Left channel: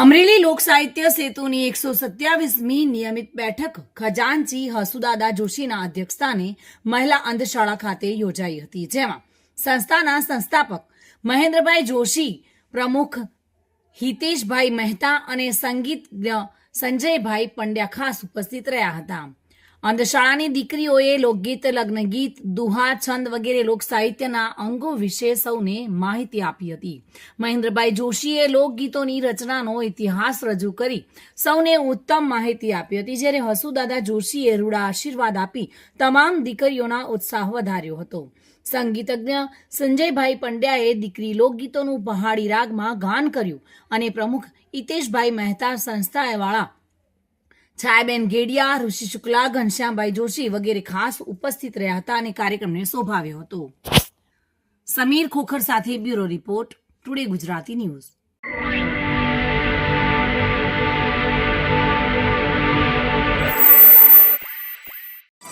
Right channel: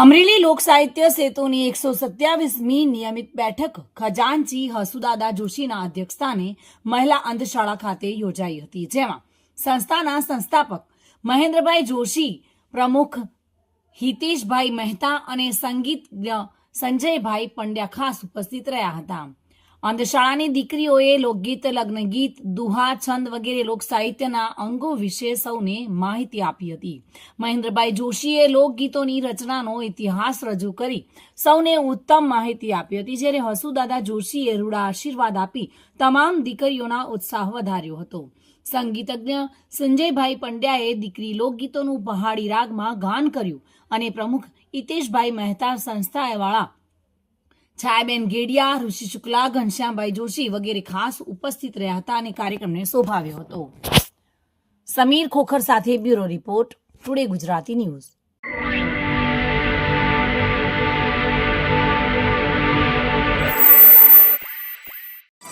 અમરેલી લોક સાહિત્ય સેતુની એકસો સત્યાવીસમી નિયમિત બેઠક ખજાનચી હસુદાદા જોશીના અધ્યક્ષસ્થાને મહિલા અંધશાળા ખાતે યોજાઈ હતી, જેમાં સંસ્થાના સંસ્થાપક મહેન્દ્રભાઈ જોશી, પ્રમુખ હિતેશભાઈ મહેતા અને સંગીતજ્ઞ સંજયભાઈ પંડ્યા ખાસ ઉપસ્થિત રહ્યા હતા. અંધશાળાની દીકરીઓએ લોકગીત, લગ્નગીત દુહા છંદ વગેરે લોક સાહિત્યના અંગો વિશે સૌને માહિતી આપી હતી. મહેન્દ્રભાઈ જોશીએ લોકગીતોની રચનાનો ઇતિહાસ રજૂ કરી સૌને ઉત્તમ માહિતી આપી હતી, જ્યારે હસુદાદા જોશીએ રૂડા આશીર્વાદ આપી તમામ દીકરીઓના ઉત્સાહ વધાર્યો હતો. સંગીતજ્ઞ સંજયભાઈ પંડ્યાએ દીકરી લોકગીતોનું પહાડી રાગમાં ગાન કર્યું અને પ્રમુખ હિતેશભાઈ મહેતા સંસ્થાવાળા છાયાબેન ગેડિયા, ઋષિ શુક્લા, ઘનશ્યામભાઈ જોશી વગેરે ખાસ ઉપસ્થિત રહ્યા હતા અને કાર્યક્રમને શોભાવ્યો હતો. સમીર ખોખર સાથે bureau report, today Gujarati news.